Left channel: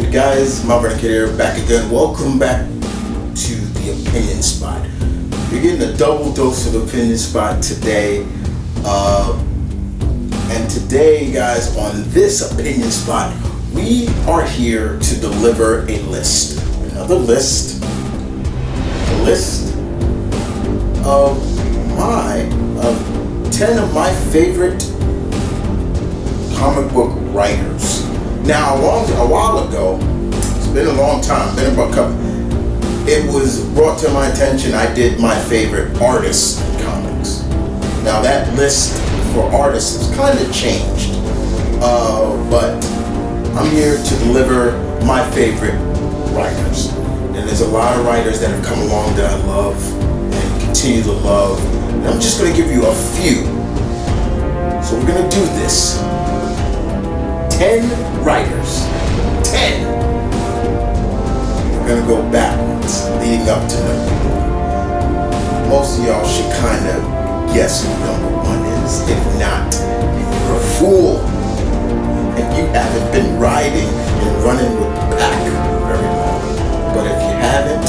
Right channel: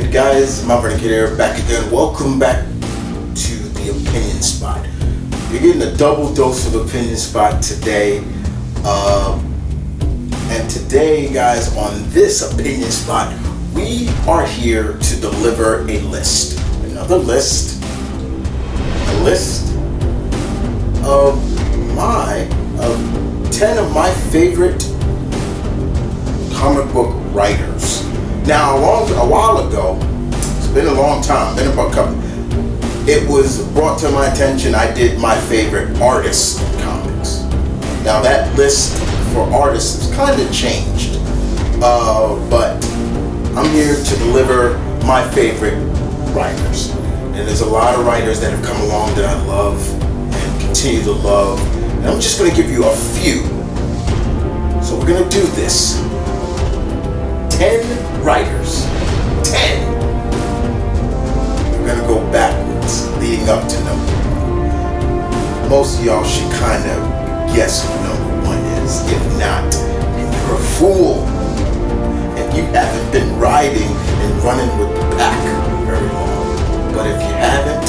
good, guys? M.V.K here, back again. Welcome back to the Opinion Spot. You're getting a double dose of Opinion Spot today. And today, guys, on this Opinion Spot, we are here to deliver a list. Another list. A list of 10 of my favorite comic book writers. Now, a while ago, it's been a long time, been about a couple, it was brought to my attention I did my favorite artists in comics. Now that list for artists has kind of changed, but I'm here to deliver my favorite writers. And there's a lot of writers that have come along that I love and continue to love. And I'm just going to give you a few. So we're going to do this. 10 writers. 10. We're going to go backwards, leading up to number 1. Most of y'all should kind of guess who number 1 is. If not, then you're a fool. And you haven't been riding and running with the pack very long. But if you haven't,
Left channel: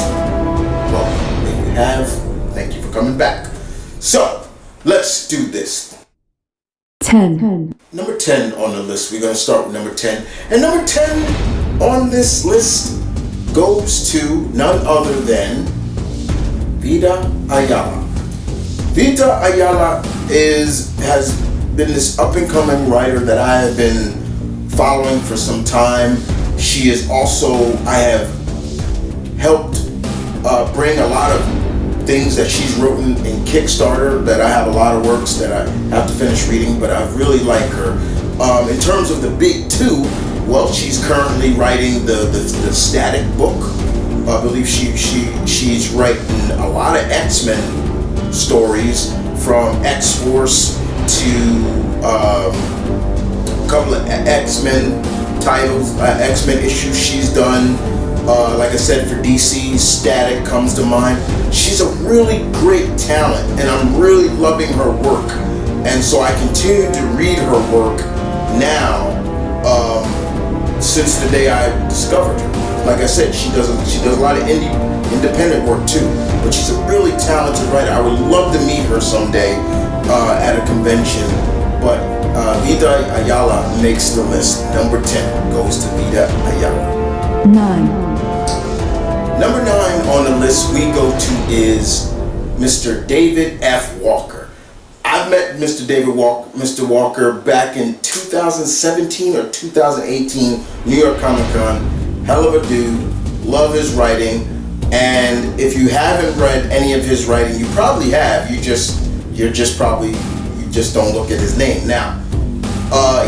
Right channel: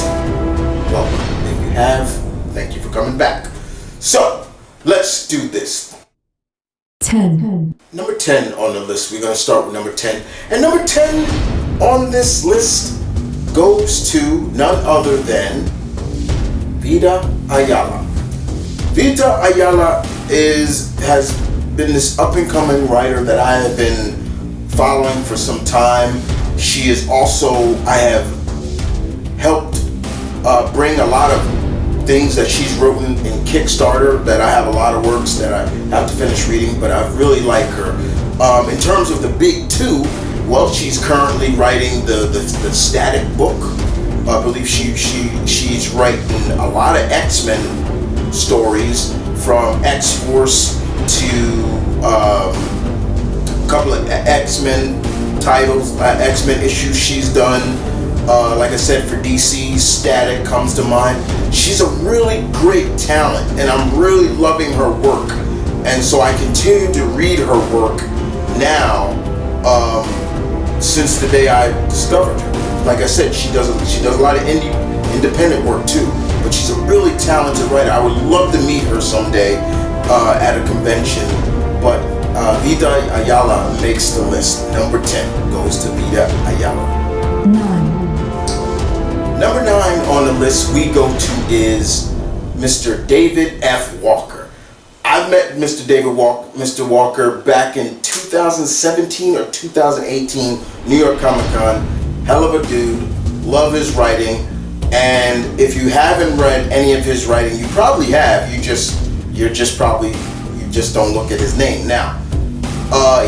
welcome. If you have, thank you for coming back. So, let's do this. 10. Number 10 on the list. We're going to start with number 10. And number 10 on this list goes to none other than Vida Ayala. Vida Ayala has been this up-and-coming writer that I have been following for some time. She is also, I have helped bring a lot of things that she's written in Kickstarter, that I have a lot of works that I have to finish reading, but I really like her. In terms of the big two, well, she's currently writing the Static book. I believe she's writing a lot of X-Men stories, from X-Force to a couple of X-Men titles, X-Men issues she's done. Like I said, for DC, Static comes to mind. She's a really great talent, and I'm really loving her work. And so I continue to read her work now, since the day I discovered her. Like I said, she does a lot of independent work too, but she's a really talented writer. I would love to meet her someday at a convention, but Vida Ayala makes the list. Number 10 goes to Vida Ayala. 9. Number 9 on the list we go to is Mr. David F. Walker. I've met Mr. Walker back in 2017 or 2018 New York Comic Con. Hell of a dude. Love his writing. And if you haven't read any of his writing, you probably have. You just don't look at his name. Now,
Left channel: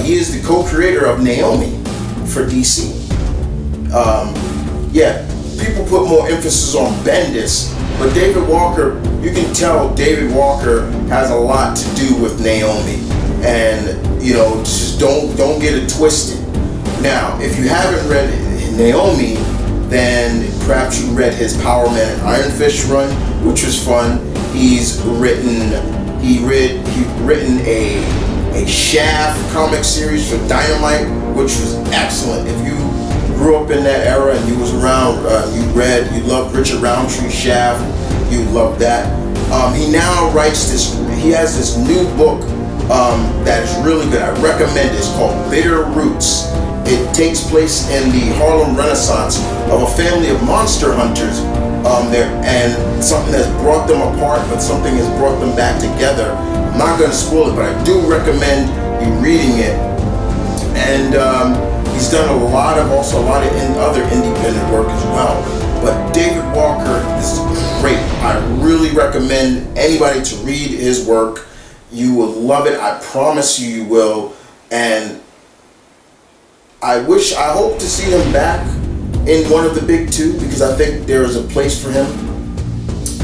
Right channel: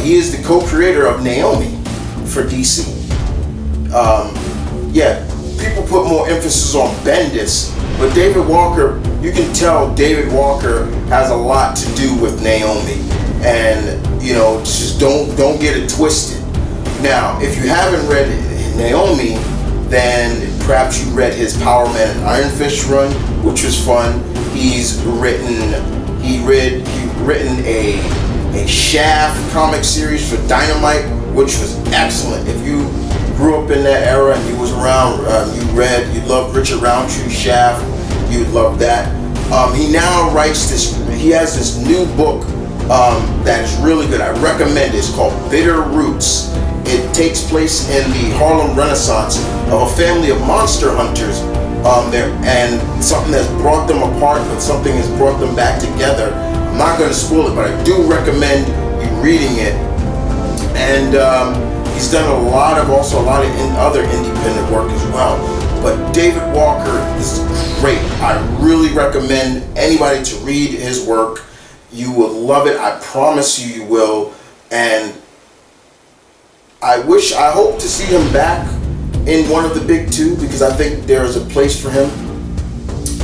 he is the co-creator of Naomi for DC. People put more emphasis on Bendis, but David Walker, you can tell David Walker has a lot to do with Naomi, and just don't get it twisted. Now, if you haven't read Naomi, then perhaps you read his Power Man and Iron Fist run, which was fun. He's written a Shaft comic series for Dynamite, which was excellent. If you grew up in that era and you was around, you loved Richard Roundtree's Shaft, you'd love that. He now writes he has this new book that is really good. I recommend it. It's called Bitter Roots. It takes place in the Harlem Renaissance of a family of monster hunters there, and something has brought them apart, but something has brought them back together. I'm not going to spoil it, but I do recommend you reading it. And he's done a lot of other independent work as well. But David Walker is great. I really recommend anybody to read his work. You will love it. I promise you will. And I hope to see him back in one of the big two, because I think there is a place for him.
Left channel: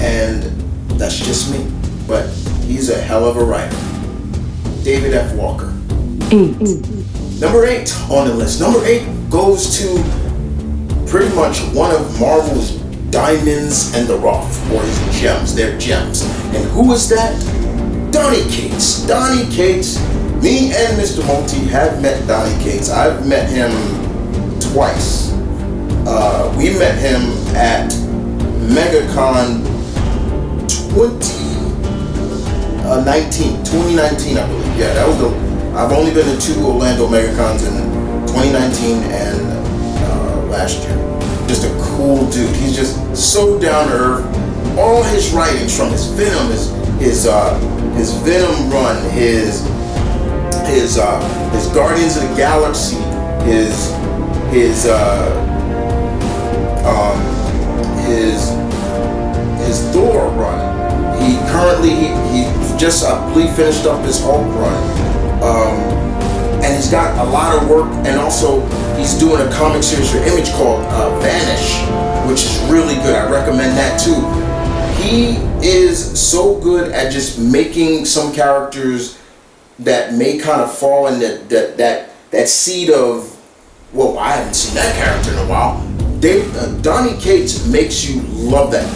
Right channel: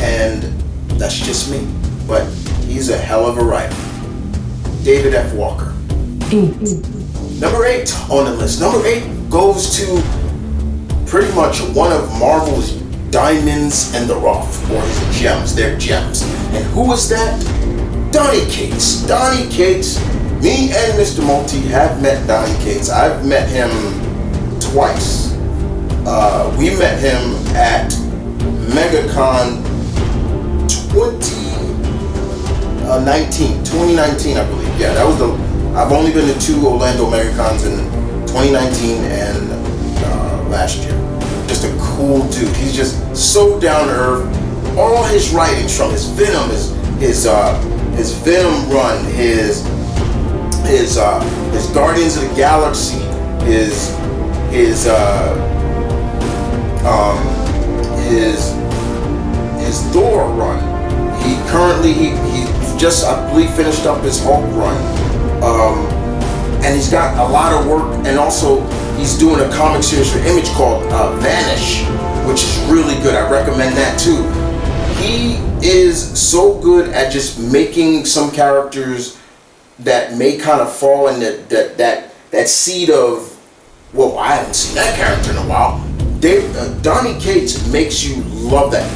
And that's just me. But he's a hell of a writer. David F. Walker. 8. Number 8 on the list. Number 8 goes to pretty much one of Marvel's diamonds in the rough, or his gems. They're gems. And who is that? Donnie Gates. Donnie Gates. Me and Mr. Multi have met Donnie Gates. I've met him twice. We met him at MegaCon 2019, I believe. Yeah, that was I've only been to 2 Orlando MegaCons in 2019 and last year. Just a cool dude. He's just so down to earth. All his writings, from his Venom, his Venom run, his Guardians of the Galaxy, his Thor run. He just, I believe, finished up his Hulk run, and he's got a lot of work. And also, he's doing a comic series for Image called Vanish, which is really good. I recommend that too. He is so good at just making some characters that may kind of fall in that seed of, well, I haven't seen that character in a while. Donnie Gates makes you love that.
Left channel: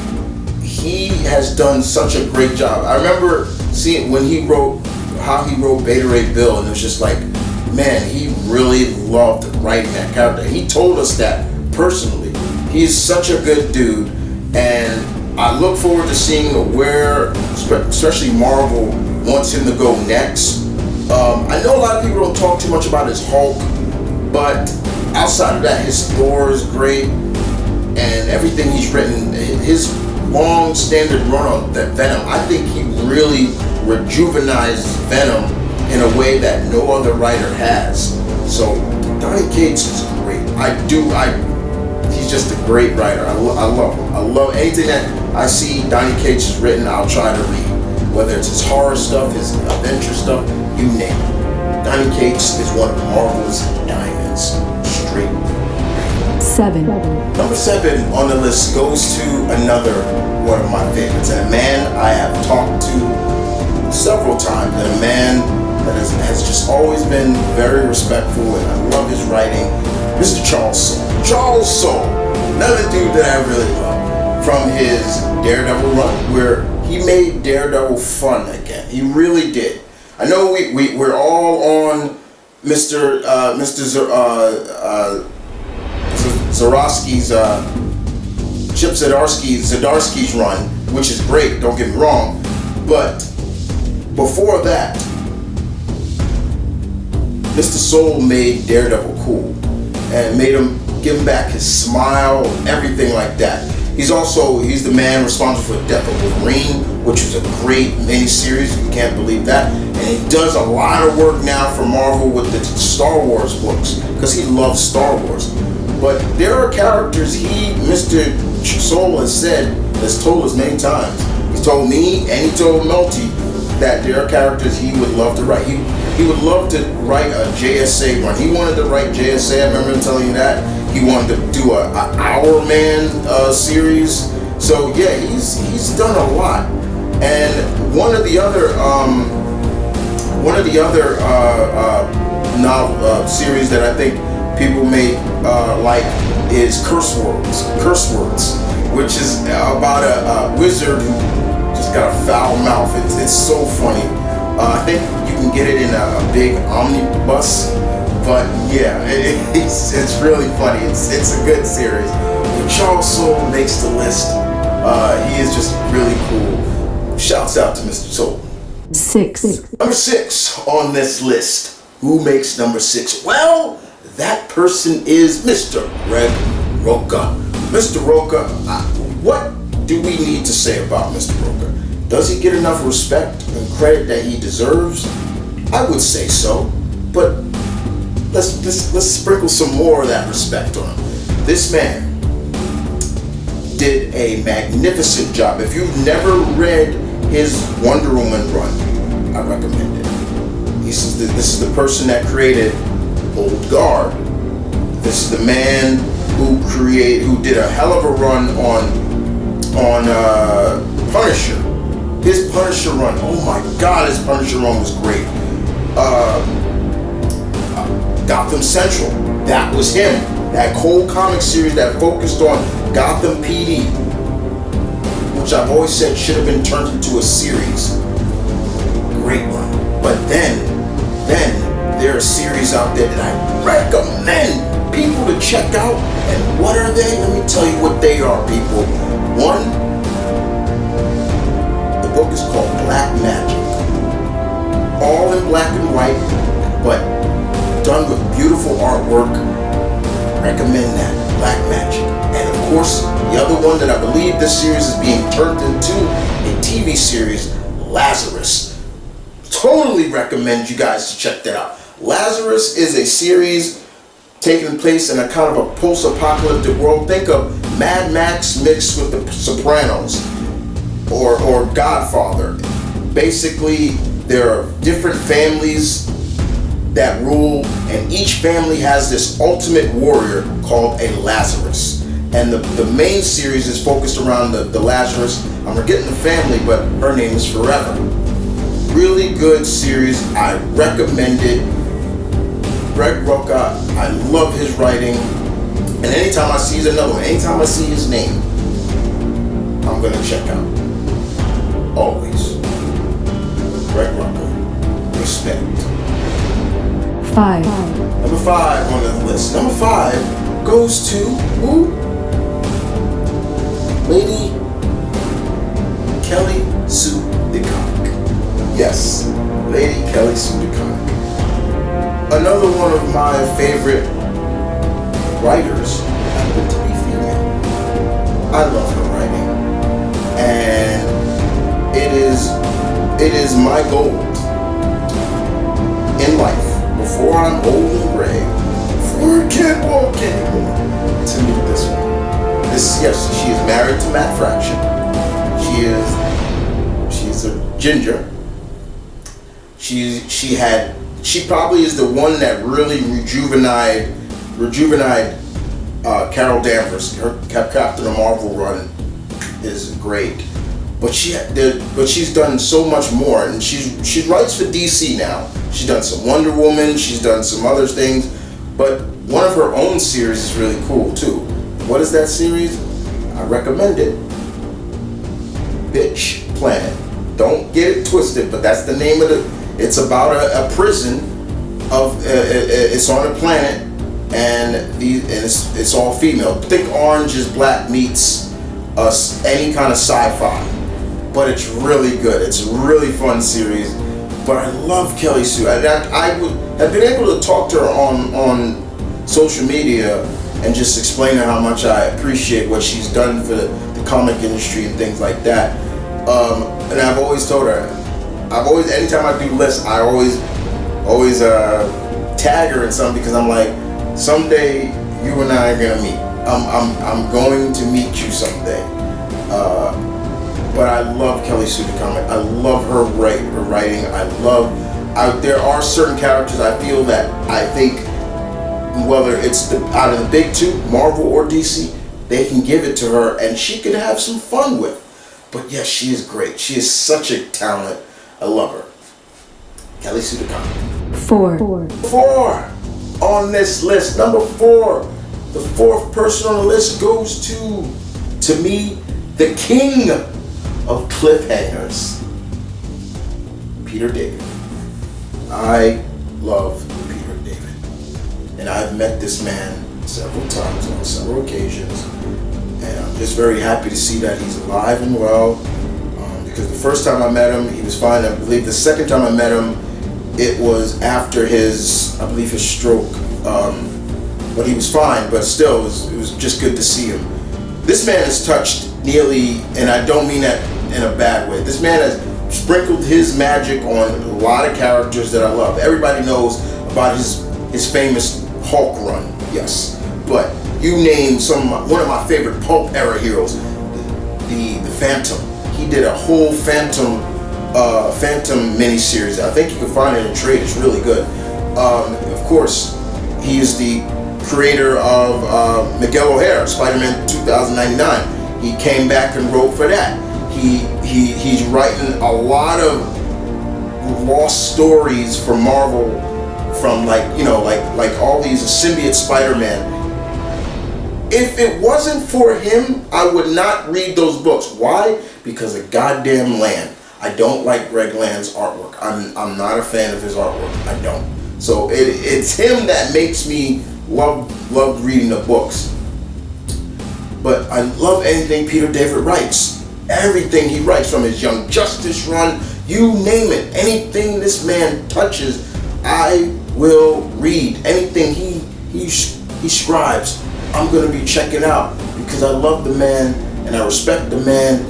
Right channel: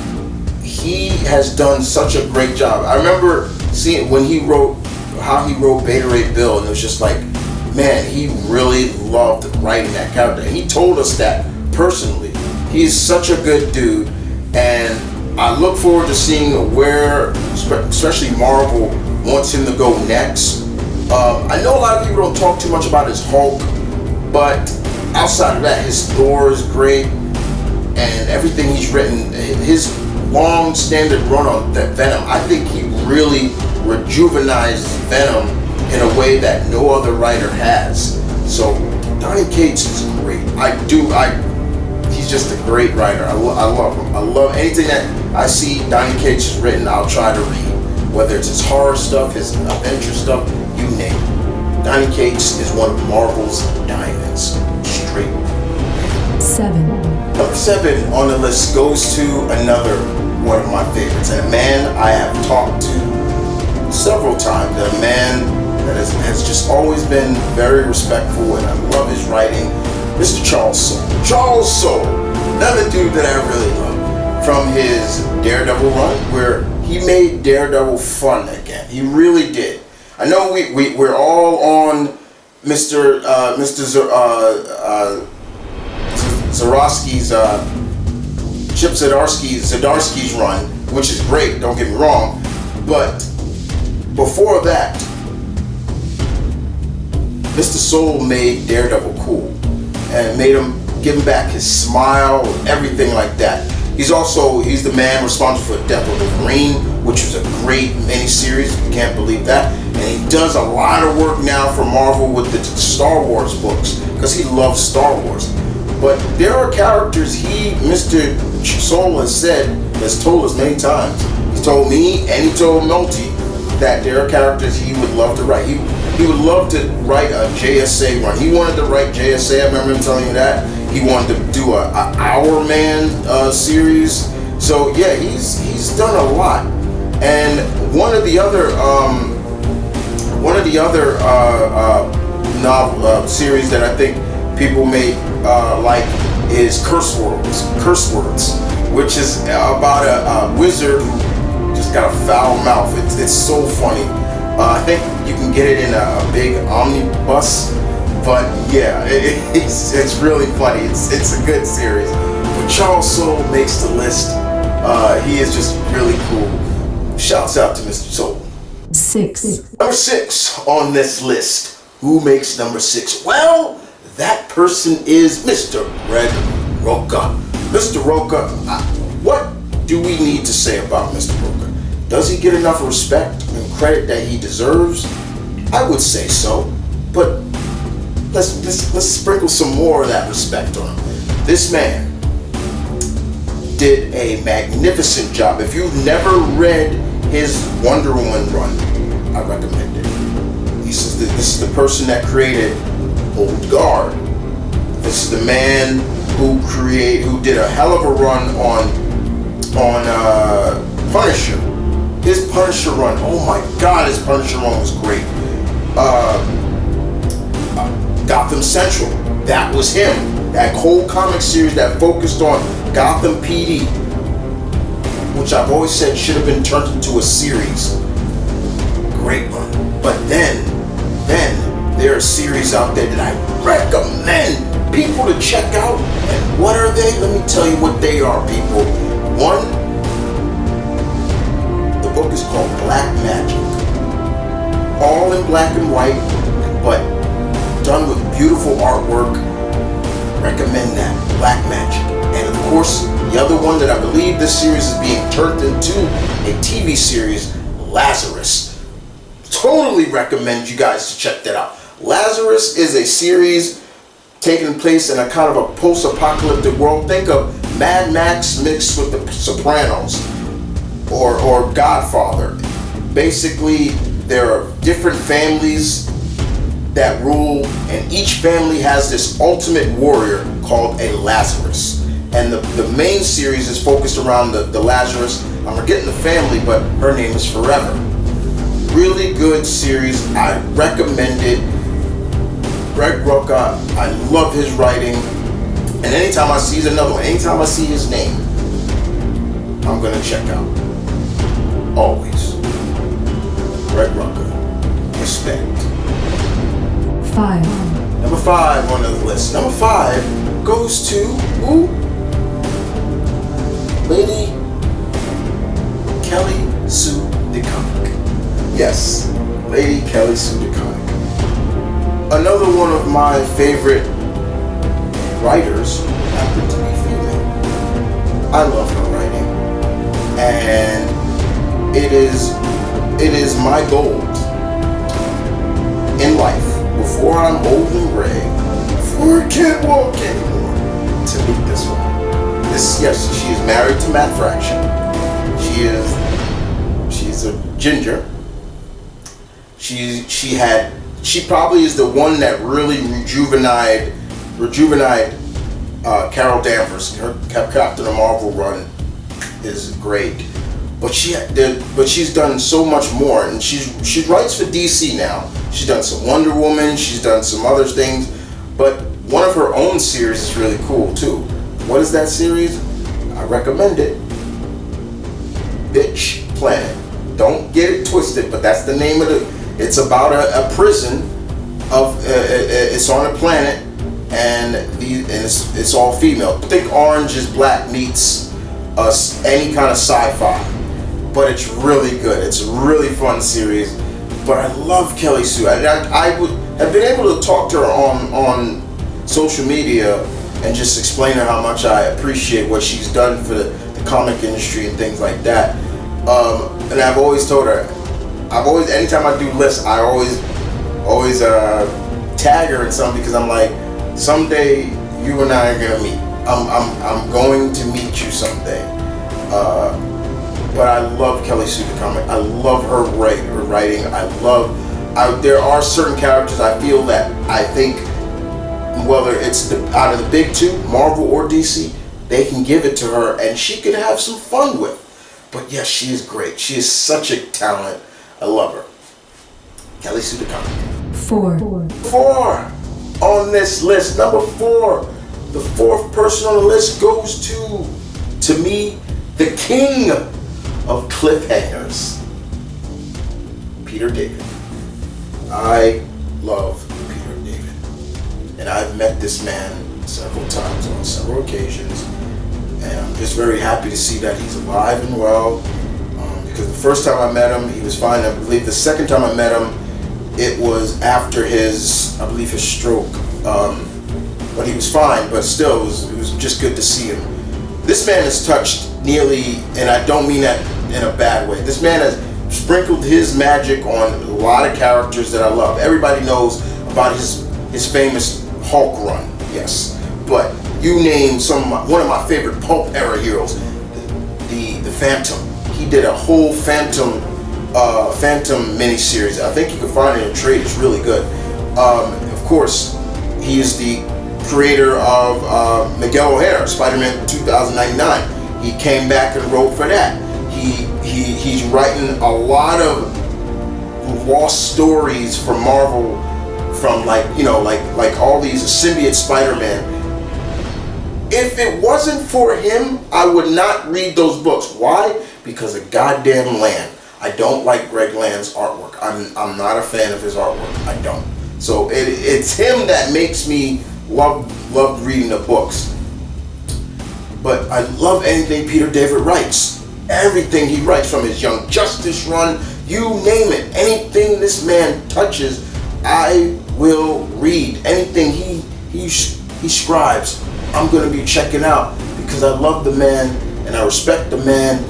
He has done such a great job. I remember seeing how he wrote Beta Ray Bill, and it was just like, man, he really loved writing that character. And he told us that personally. He's such a good dude, and I look forward to seeing where, especially Marvel, wants him to go next. I know a lot of people don't talk too much about his Hulk, but outside of that, his Thor is great, and everything he's written, his long standard run on that Venom, I think he really rejuvenized Venom in a way that no other writer has. So Donnie Gates is great. He's just a great writer. I love him. I love anything that I see Donnie Gates has written. I'll try to read, whether it's his horror stuff, his adventure stuff, you name it. Donnie Gates is one of Marvel's diamonds. Straight. 7. Number 7 on the list goes to another one of my favorites, and a man I have talked to several times, and a man that has just always been very respectful, and I love his writing, Mr. Charles Soule. Charles Soule, another dude that I really love, from his Daredevil run, where he made Daredevil fun again. He really did. I know we're all on Mr. Zdarsky's Chip Zdarsky's run, which is great, don't get me wrong, but before that, Mr. Soule made Daredevil cool and made him, give him back his smile, everything like that. He's the man responsible for Death of Wolverine, which was a great miniseries. You can't believe that. And he does a lot of work now for Marvel with the Star Wars books, because he loves Star Wars. But there are characters Mr. Soule has told us many times. He's told me and he told Melty that there are characters he would love to write. He would love to write a JSA run. He wanted to write JSA, I remember him telling you that. He wanted to do a Our Man series. So yeah, he's done a lot. And one of the other novel series that I think people may like is Curse Words, which is about a wizard who just got a foul mouth. It's so funny. I think you can get it in a big omnibus, but yeah, it's really funny. It's a good series. But Charles Soule makes the list. He is just really cool. Shouts out to Mr. Soule. 6. Number 6 on this list. Who makes number 6? Well, that person is Mr. Greg Rocca. Mr. Rocca, what do we need to say about Mr. Rocca? Does he get enough respect and credit that he deserves? I would say so, but let's sprinkle some more of that respect on him. This man did a magnificent job. If you've never read his Wonder Woman run, I recommend it. This is the person that created Old Guard. This is the man who did a hell of a run on Punisher. His Punisher run, oh my God, his Punisher run was great. Gotham Central, that was him. That whole comic series that focused on Gotham PD, which I've always said should have been turned into a series. Great run. But then there are series out there that I recommend people to check out. And what are they? Let me tell you what they are, people. One, the book is called Black Magic. All in black and white, but done with beautiful artwork. Recommend that, Black Magic. And of course, the other one that I believe this series is being turned into a TV series, Lazarus. Totally recommend you guys to check that out. Lazarus is a series taking place in a kind of a post-apocalyptic world. Think of Mad Max mixed with The Sopranos or Godfather. Basically, there are different families that rule, and each family has this ultimate warrior called a Lazarus. And the main series is focused around the Lazarus. I'm forgetting the family, but her name is Forever. Really good series. I recommend it. Greg Rocca, I love his writing. And anytime I see another one, anytime I see his name, I'm gonna check out. Always. Greg Rocca. Respect. 5. Number 5 on the list. Number 5 goes to who? Lady Kelly Sue DeConnick. Yes, Lady Kelly Sue DeConnick. Another one of my favorite writers happened to be female. I love her writing, and it is my goal in life, before I'm old and gray, before I can't walk anymore, to meet this woman. Yes, she is married to Matt Fraction. She's a ginger. She probably is the one that really rejuvenated Carol Danvers. Her Captain Marvel run is great, but she's done so much more, and she writes for DC now. She's done some Wonder Woman. She's done some other things, but one of her own series is really cool too. What is that series? I recommend it. Bitch Planet. Don't get it twisted, but that's the name of the. It's about a prison of. It's on a planet, and it's all female. Think Orange is Black meets any kind of sci-fi, but it's really good. It's a really fun series. But I love Kelly Sue. I would have been able to talk to her on social media and just explain to her how much I appreciate what she's done for the comic industry and things like that. And I've always told her, anytime I do lists, I always tag her in something, because I'm like, someday you and I are gonna meet. I'm going to meet you someday. But I love Kelly Sue DeConnick. I love her writing. There are certain characters I feel that I think, whether it's out of the big two, Marvel or DC, they can give it to her and she could have some fun with. But yes, she is great. She is such a talent. I love her. Kelly Sue DeConnick. 4 on this list. Number 4. The 4th person on the list goes to me, the king of cliffhangers, Peter David. I love Peter David. And I've met this man several times on several occasions. And I'm just very happy to see that he's alive and well. Because the first time I met him, he was fine. I believe the second time I met him, it was after his stroke. But he was fine, but still, it was just good to see him. This man has touched nearly, and I don't mean that in a bad way, this man has sprinkled his magic on a lot of characters that I love. Everybody knows about his famous Hulk run, yes. But you name one of my favorite pulp era heroes, the Phantom. He did a whole Phantom miniseries. I think you can find it in trade. It's really good. Of course, he is the creator of Miguel O'Hara, Spider-Man 2099. He came back and wrote for that. He's writing a lot of lost stories from Marvel, from like all these symbiote Spider-Man. If it wasn't for him, I would not read those books. Why? Because of goddamn Land. I don't like Greg Land's artwork. I'm not a fan of his artwork. I don't. So it's him that makes me love reading the books. But I love anything Peter David writes. Everything he writes, from his Young Justice run, you name it. Anything this man touches, I will read. Anything he scribes, I'm going to be checking out, because I love the man and I respect the man.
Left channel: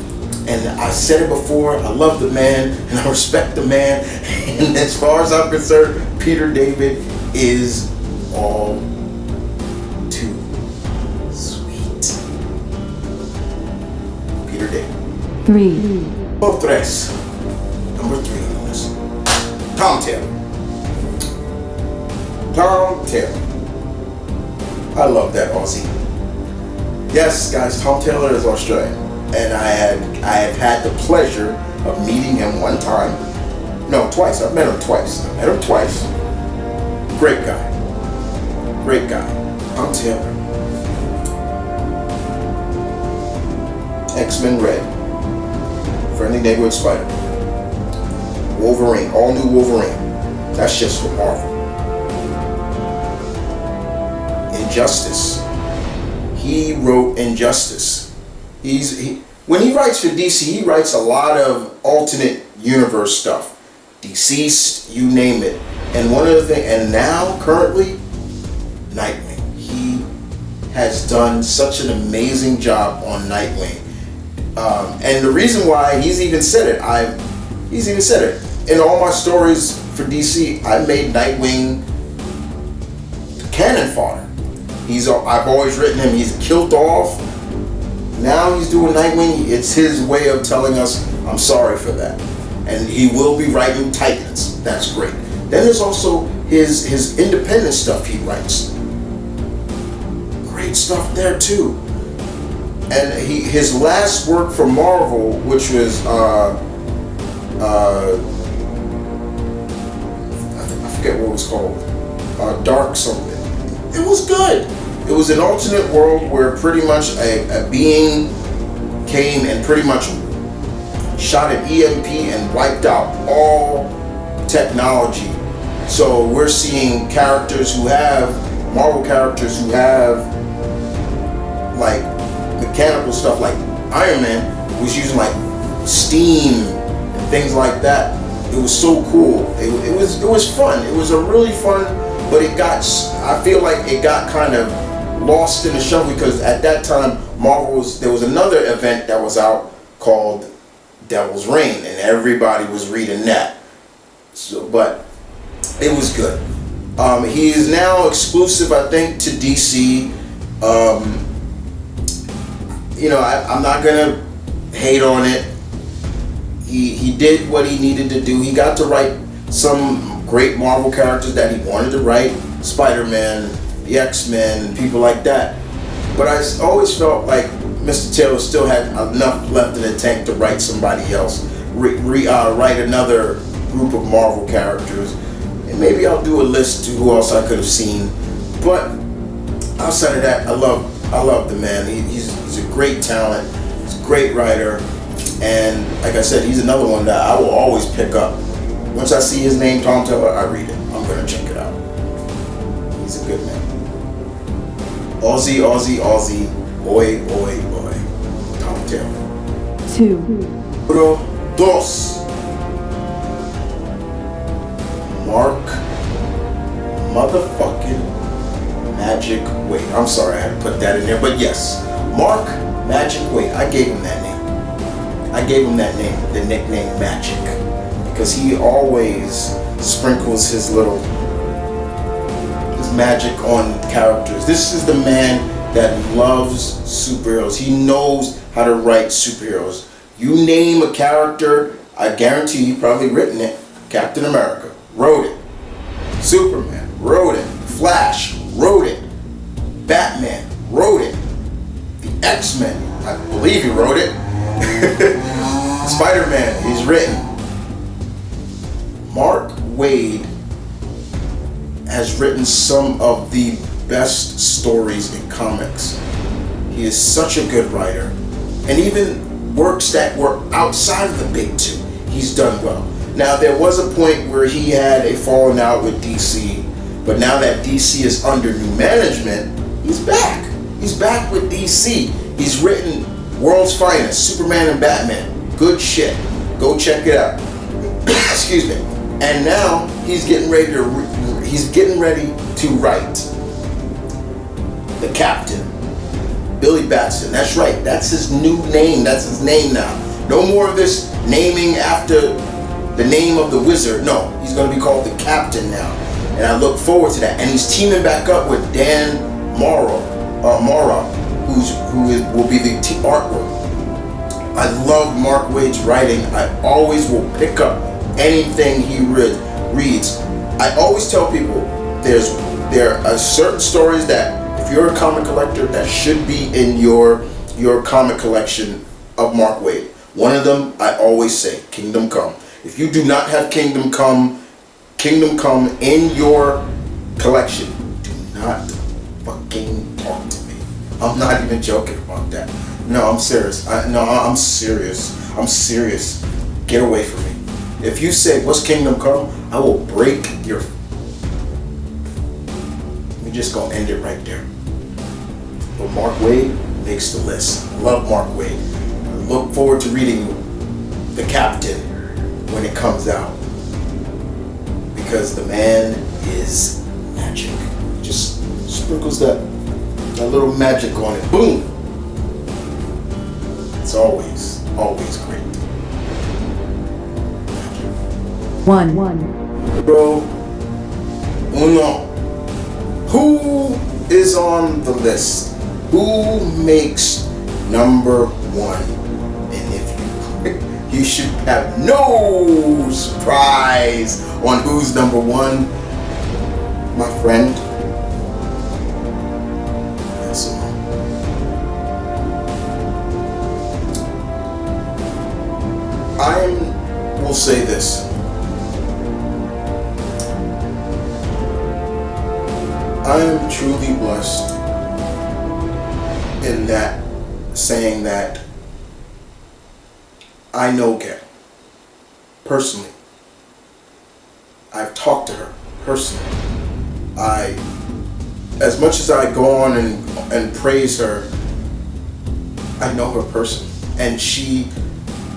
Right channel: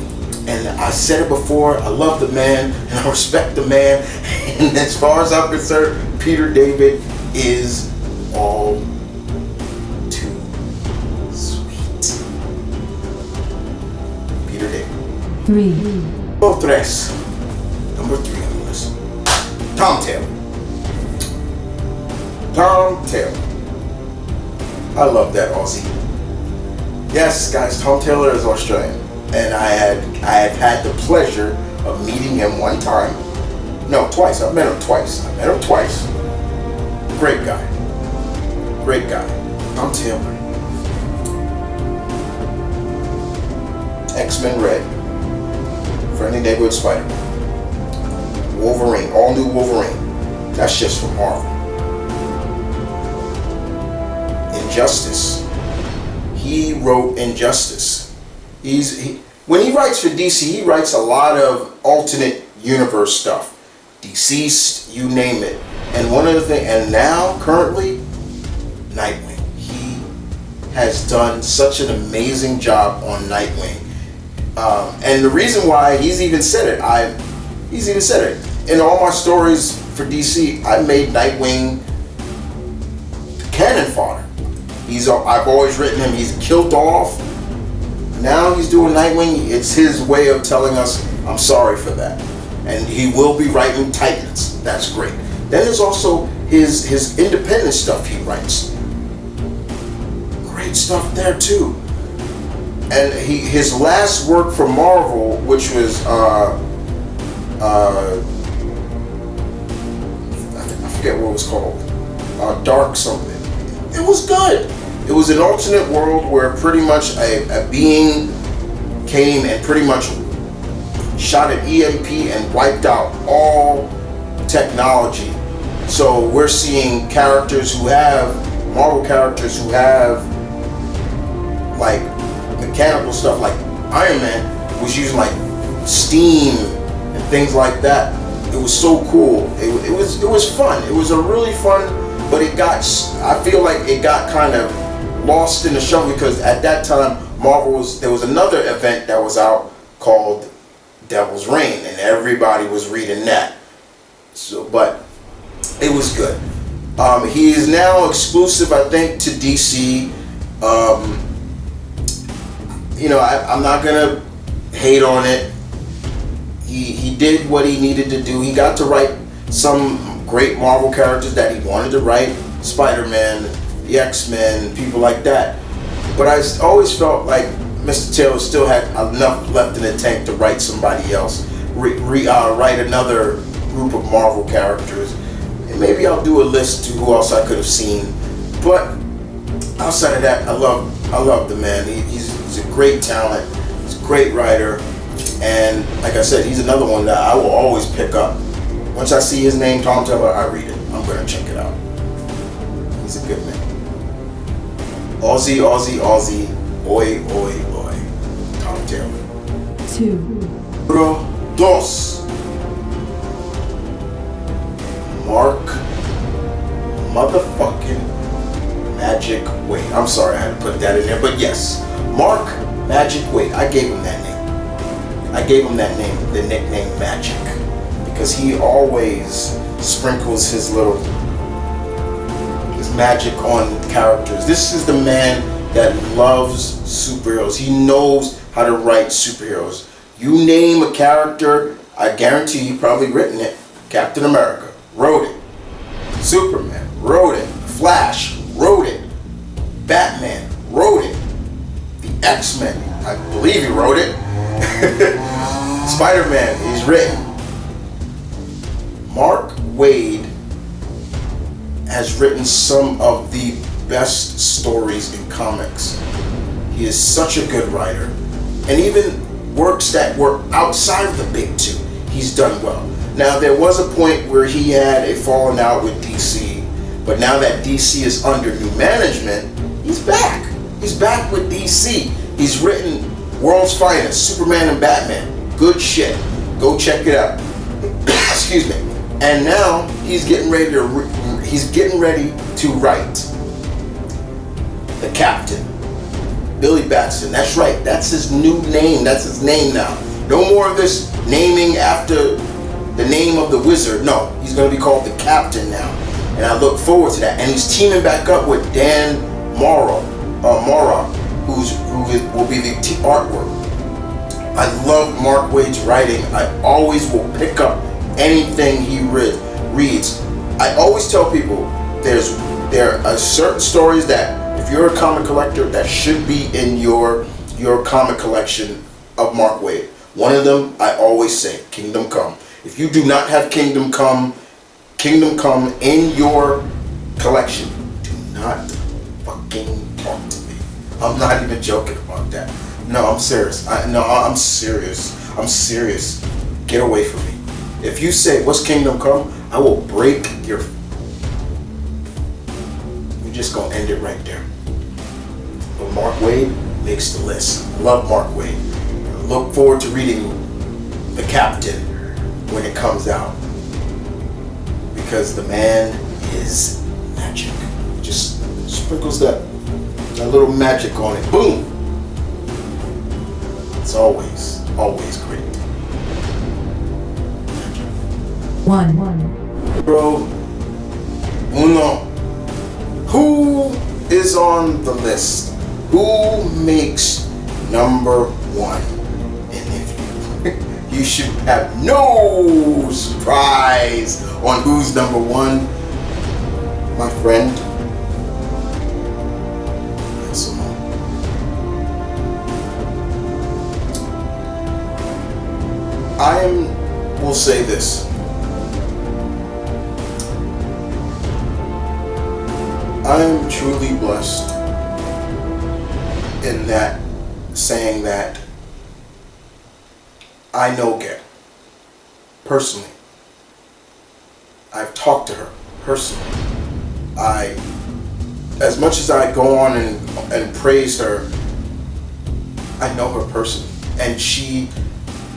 And I said it before, I love the man and I respect the man. And as far as I'm concerned, Peter David is all too sweet. Peter David. 3, Tres. Number 3 on the list. Tom Taylor. Tom Taylor. I love that Aussie. Yes, guys, Tom Taylor is Australian. And I have had the pleasure of meeting him one time. No, twice. I've met him twice. Great guy. Great guy. Tom Taylor. X-Men Red. Friendly Neighborhood Spider-Man. Wolverine. All new Wolverine. That's just for Marvel. Injustice. He wrote Injustice. When he writes for DC, he writes a lot of alternate universe stuff. Deceased, you name it. And one of the things, and now currently, Nightwing. He has done such an amazing job on Nightwing. And the reason why, he's even said it in all my stories for DC. I made Nightwing cannon fodder. I've always written him. He's killed off. Now he's doing Nightwing. It's his way of telling us, I'm sorry for that. And he will be writing Titans. That's great. Then there's also his independent stuff he writes. Great stuff there too. And his last work for Marvel, which was I forget what it was called, Dark something. It was good. It was an alternate world where pretty much a being came and pretty much shot an EMP and wiped out all technology. So we're seeing Marvel characters who have like mechanical stuff, like Iron Man was using like steam and things like that. It was so cool. It was fun. It was a really fun, but I feel like it got kind of lost in the shuffle, because at that time there was another event that was out called Devil's Reign, and everybody was reading that. So, but it was good. He is now exclusive, I think, to DC. I'm not gonna hate on it. He did what he needed to do. He got to write some great Marvel characters that he wanted to write, Spider-Man, the X-Men, people like that. But I always felt like Mr. Taylor still had enough left in the tank to write somebody else, write another group of Marvel characters. And maybe I'll do a list to who else I could have seen. But outside of that, I love the man. He's a great talent. He's a great writer. And like I said, he's another one that I will always pick up. Once I see his name, Tom Taylor, I read it. I'm going to check it out. He's a good man. Aussie, Aussie, Aussie. Oi, oi, oi. Tom Taylor. 2, Número 2. Mark motherfucking Magic Waid. I'm sorry I had to put that in there, but yes. Mark Magic Waid. I gave him that name. The nickname Magic, because he always sprinkles his magic on characters. This is the man that loves superheroes. He knows how to write superheroes. You name a character, I guarantee he probably written it. Captain America wrote it. Superman wrote it. Flash wrote it. Batman wrote it. The X-Men, I believe he wrote it. Spider-Man, he's written. Mark Waid has written some of the best stories in comics. He is such a good writer, and even works that were outside of the big two, he's done well. Now, there was a point where he had a falling out with DC, but now that DC is under new management, he's back. He's back with DC. He's written World's Finest, Superman and Batman. Good shit. Go check it out. Excuse me. And now he's getting ready to write The Captain, Billy Batson. That's right. That's his new name. That's his name now. No more of this naming after the name of the wizard. No, he's going to be called The Captain now. And I look forward to that. And he's teaming back up with Dan Mora, who will be the artwork. I love Mark Waid's writing. I always will pick up anything he reads. I always tell people there are certain stories that if you're a comic collector that should be in your comic collection of Mark Waid. One of them I always say, Kingdom Come. If you do not have Kingdom Come in your collection, do not fucking talk to me. I'm not even joking about that. No, I'm serious. I'm serious. Get away from me. If you say, what's Kingdom Come? I will break your... We're just going to end it right there. But Mark Waid makes the list. I love Mark Waid. I look forward to reading The Captain when it comes out. Because the man is magic. Just sprinkles that little magic on it. Boom! It's always great. Magic. One. Bro, uno. Who is on the list? Who makes number one? And if you should have no surprise on who's number one, my friend, Gail Simone. Will say this. I am truly blessed in that, saying that I know Gail personally. I've talked to her personally. As much as I go on and praise her, I know her personally, and she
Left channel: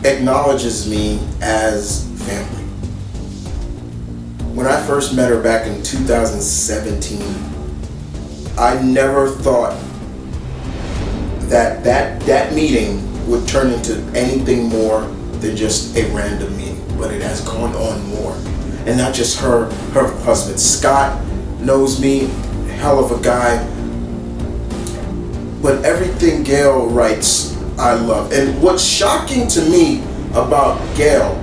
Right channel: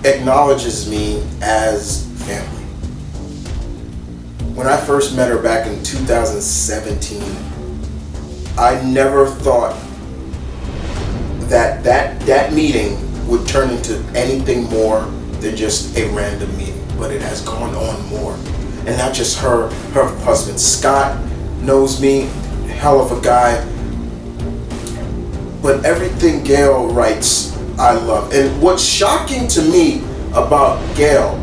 acknowledges me as family. When I first met her back in 2017, I never thought that meeting would turn into anything more than just a random meeting, but it has gone on more. And not just her husband Scott knows me, hell of a guy, but everything Gail writes I love. And what's shocking to me about Gail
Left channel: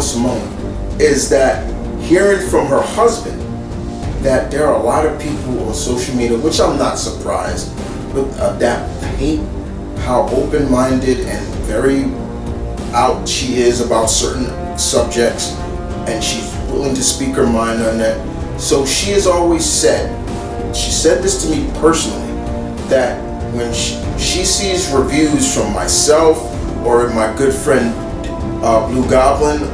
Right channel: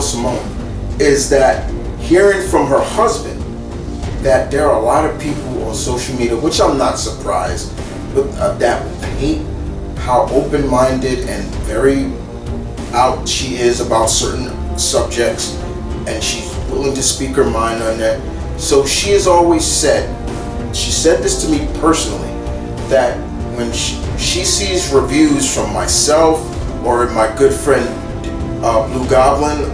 Simone, is that hearing from her husband that there are a lot of people on social media, which I'm not surprised, but that hate how open-minded and very out she is about certain subjects, and she's willing to speak her mind on that. So she has always said, she said this to me personally, that when she sees reviews from myself or my good friend Blue Goblin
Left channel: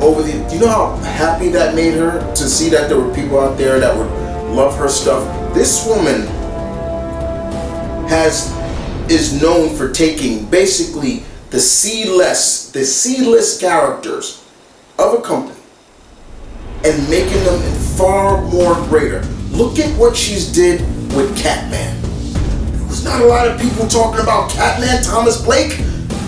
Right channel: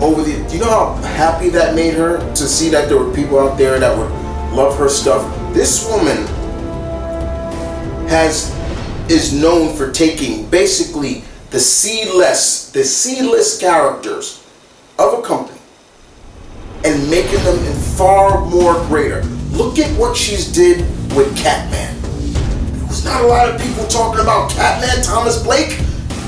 do you know how happy that made her to see that there were people out there that would love her stuff? This woman is known for taking basically the C-list characters of a company and making them in far more greater. Look at what she's did with Catman. There was not a lot of people talking about Catman, Thomas Blake,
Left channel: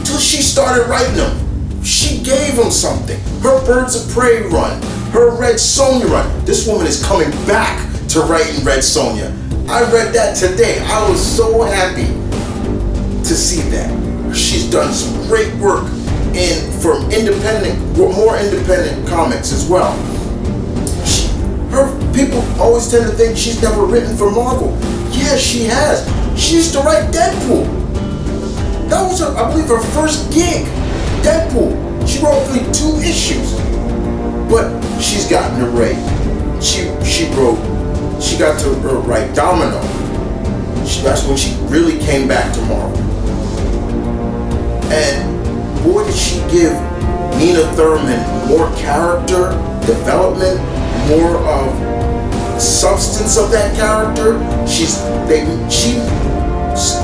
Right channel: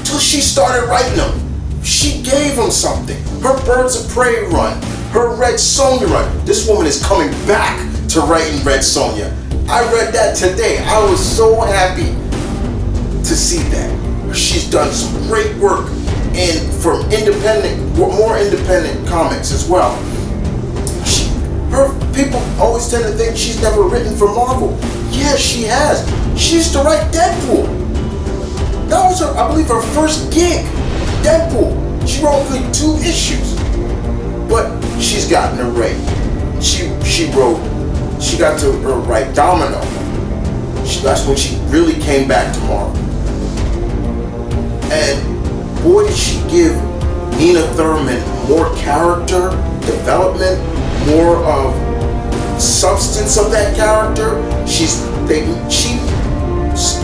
till she started writing them. She gave him something. Her Birds of Prey run, her Red Sonja run. This woman is coming back to writing Red Sonja. I read that today. I was so happy to see that. She's done some great work from more independent comics as well. People always tend to think she's never written for Marvel. Yes, she has. She used to write Deadpool. That was, I believe, her first gig. Deadpool. She wrote only 2 issues, but she's gotten a rate. She got to write Domino. That's when she really came back to Marvel. And boy, did she give Nina Thurman more character development, more of substance of that character.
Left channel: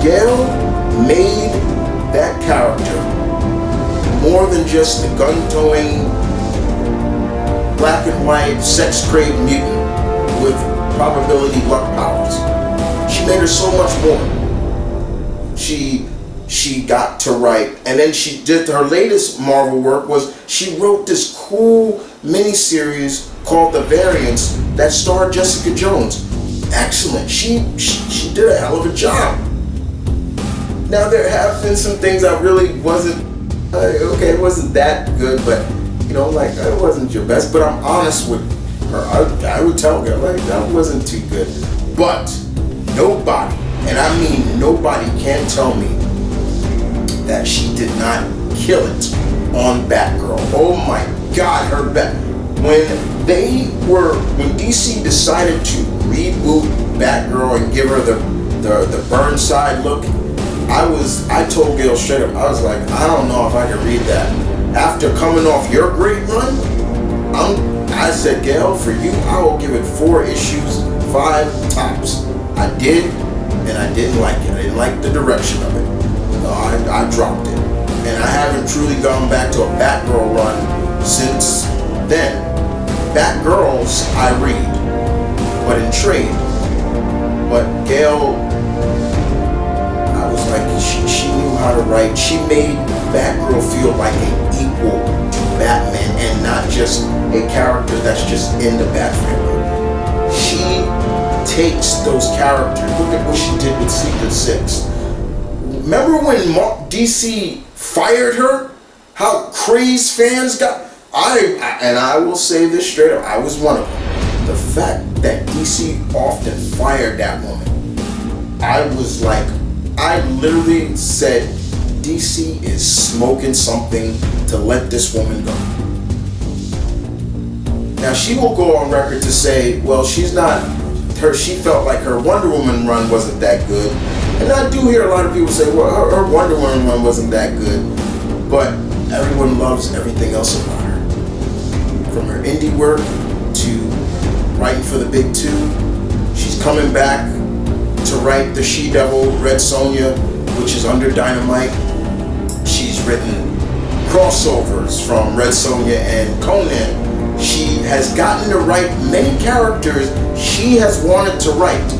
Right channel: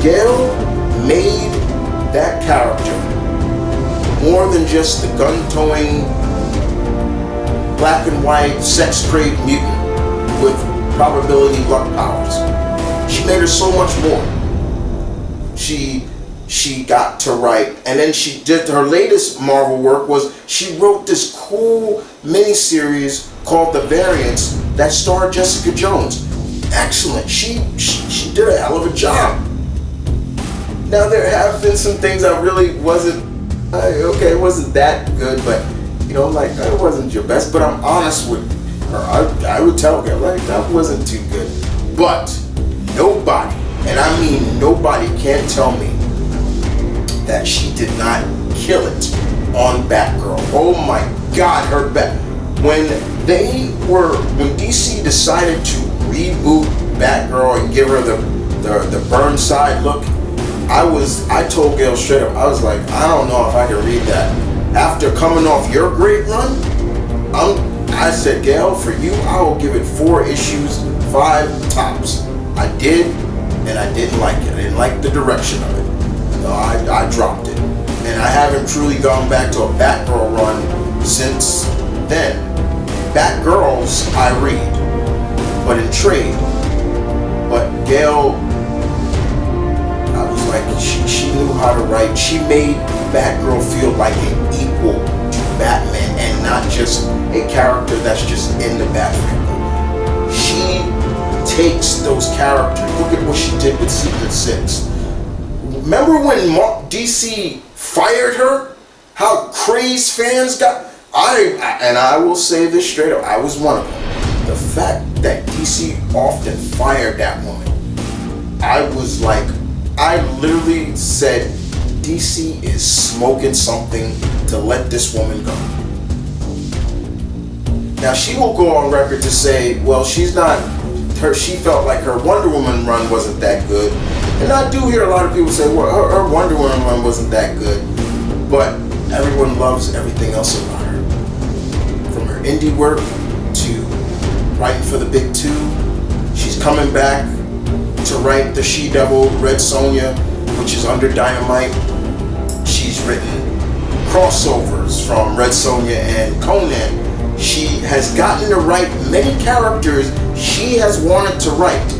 Gail made that character more than just the gun-towing, black and white, sex-craved mutant with probability luck powers. She made her so much more. She got to write, and then she did her latest Marvel work was she wrote this cool miniseries called The Variants that starred Jessica Jones. Excellent. She did a hell of a job. Now there have been some things I really wasn't okay, it wasn't that good, but you know, like it wasn't your best, but I'm honest with her. I would tell her like that wasn't too good. But nobody, and I mean nobody, can tell me that she did not kill it on Batgirl. Oh my God, her when DC decided to reboot Batgirl and give her the Burnside look, I told Gail straight up, I was like, I don't know if I can read that. After coming off your great run, I said, Gail, for you, I will give it 4 issues, 5 tops. I did, and I didn't like it. I didn't like the direction of it. So I dropped it. And I haven't truly gone back to a Batgirl run since then. Batgirls I read, but in trade. But Gail, I was like, she knew how to write. She made Batgirl feel like an equal to Batman and not just a character that's just in the Bat family. She takes those characters. Look at what she did with Secret Six. Remember when DC fired her? How crazed fans got? I will say this straight up, I was one of them. The fact that DC often fired that woman, I was like, I literally said, DC is smoking something to let this woman go. Now she will go on record to say, well, she felt like her Wonder Woman run wasn't that good. And I do hear a lot of people say, well, her Wonder Woman run wasn't that good. But everyone loves everything else about her. From her indie work to writing for the big 2. She's coming back to write the She-Devil Red Sonja, which is under Dynamite. She's written crossovers from Red Sonja and Conan. She has gotten to write many characters she has wanted to write.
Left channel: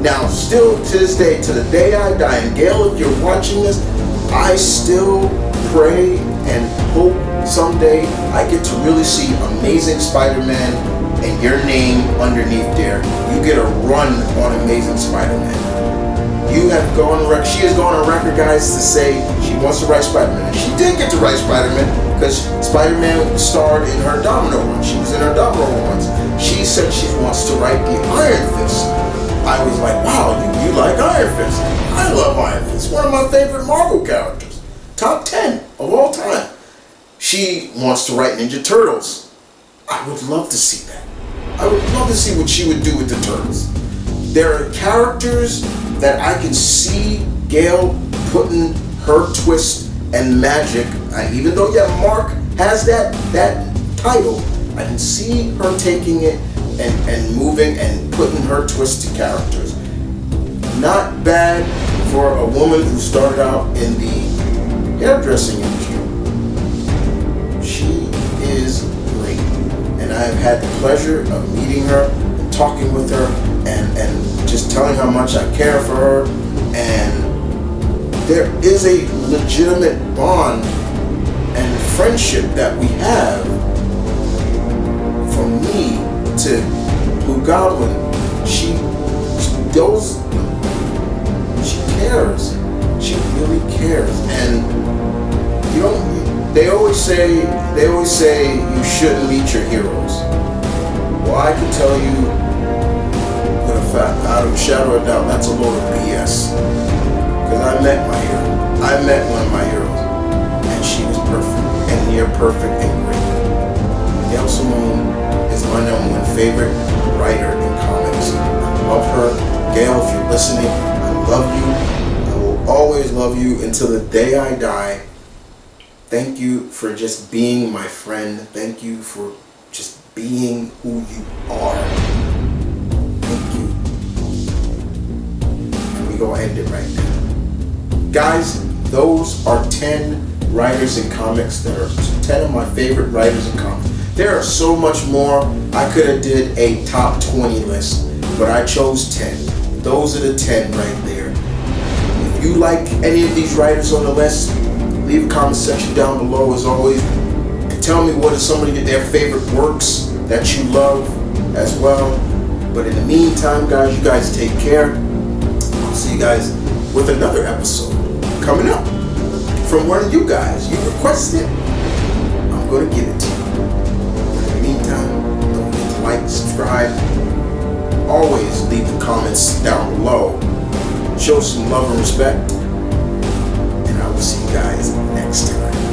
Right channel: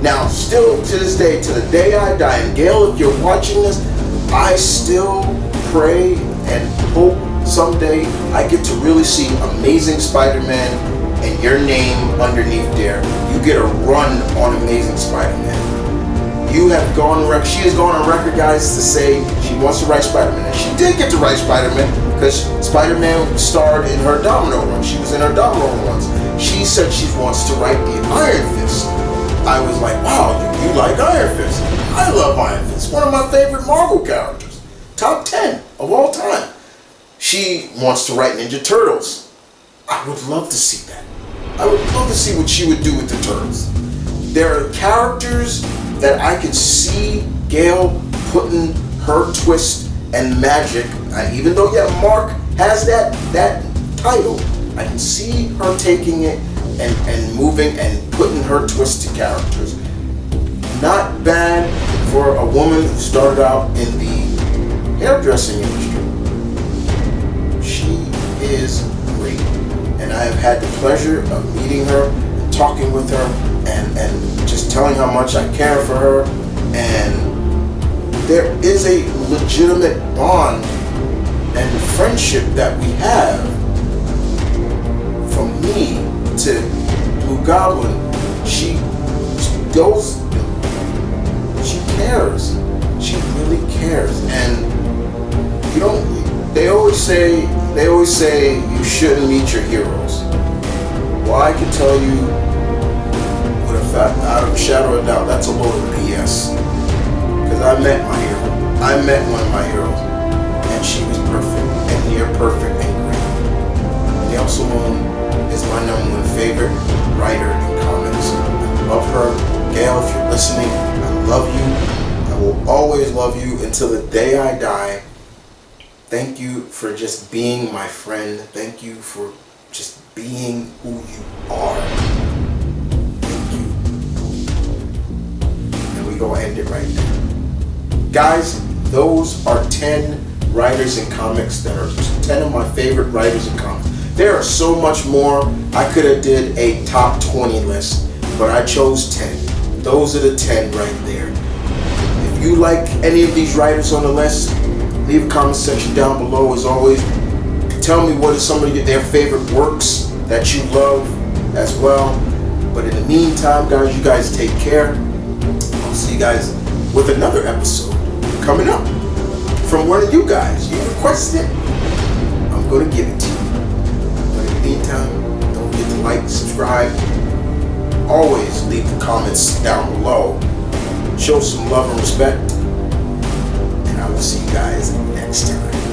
Now, still to this day, to the day I die, and Gail, if you're watching this, I still pray and hope someday I get to really see Amazing Spider-Man and your name underneath there. You get a run on Amazing Spider-Man. You have gone on record, she has gone on record, guys, to say she wants to write Spider-Man. And she did get to write Spider-Man because Spider-Man starred in her Domino run. She was in her Domino runs. She said she wants to write the Iron Fist. I was like, wow, you like Iron Fist. I love Iron Fist. One of my favorite Marvel characters. Top 10 of all time. She wants to write Ninja Turtles. I would love to see that. I would love to see what she would do with the Turtles. There are characters that I can see Gail putting her twist and magic. Even though, yeah, Mark has that title, I can see her taking it and moving and putting her twist to characters. Not bad for a woman who started out in the hairdressing industry. She is great. And I have had the pleasure of meeting her and talking with her and just telling how much I care for her. And there is a legitimate bond and friendship that we have. From me to Blue Goblin, she cares. She really cares. And they always say you shouldn't meet your heroes. Well, I can tell you with a fact, out of a shadow of doubt, that's a load of BS. Because I met my hero. I met one of my heroes, and she was perfect and near perfect and great. Gail Simone is my #1 favorite writer in comics. I love her. Gail, if you're listening, I love you. I will always love you until the day I die. Thank you for just being my friend. Thank you for just being who you are. Thank you. And we gonna end it right now. Guys, those are 10 writers in comics that are 10 of my favorite writers in comics. There are so much more. I could have did a top 20 list, but I chose 10. Those are the 10 right there. If you like any of these writers on the list, leave a comment section down below. As always, tell me what are some of their favorite works that you love as well. But in the meantime, guys, you guys take care. I'll see you guys with another episode coming up from one of you guys. You requested it. I'm going to give it to you. But in the meantime, don't forget to like, subscribe. Always leave the comments down below. Show some love and respect. And I will see you guys next time.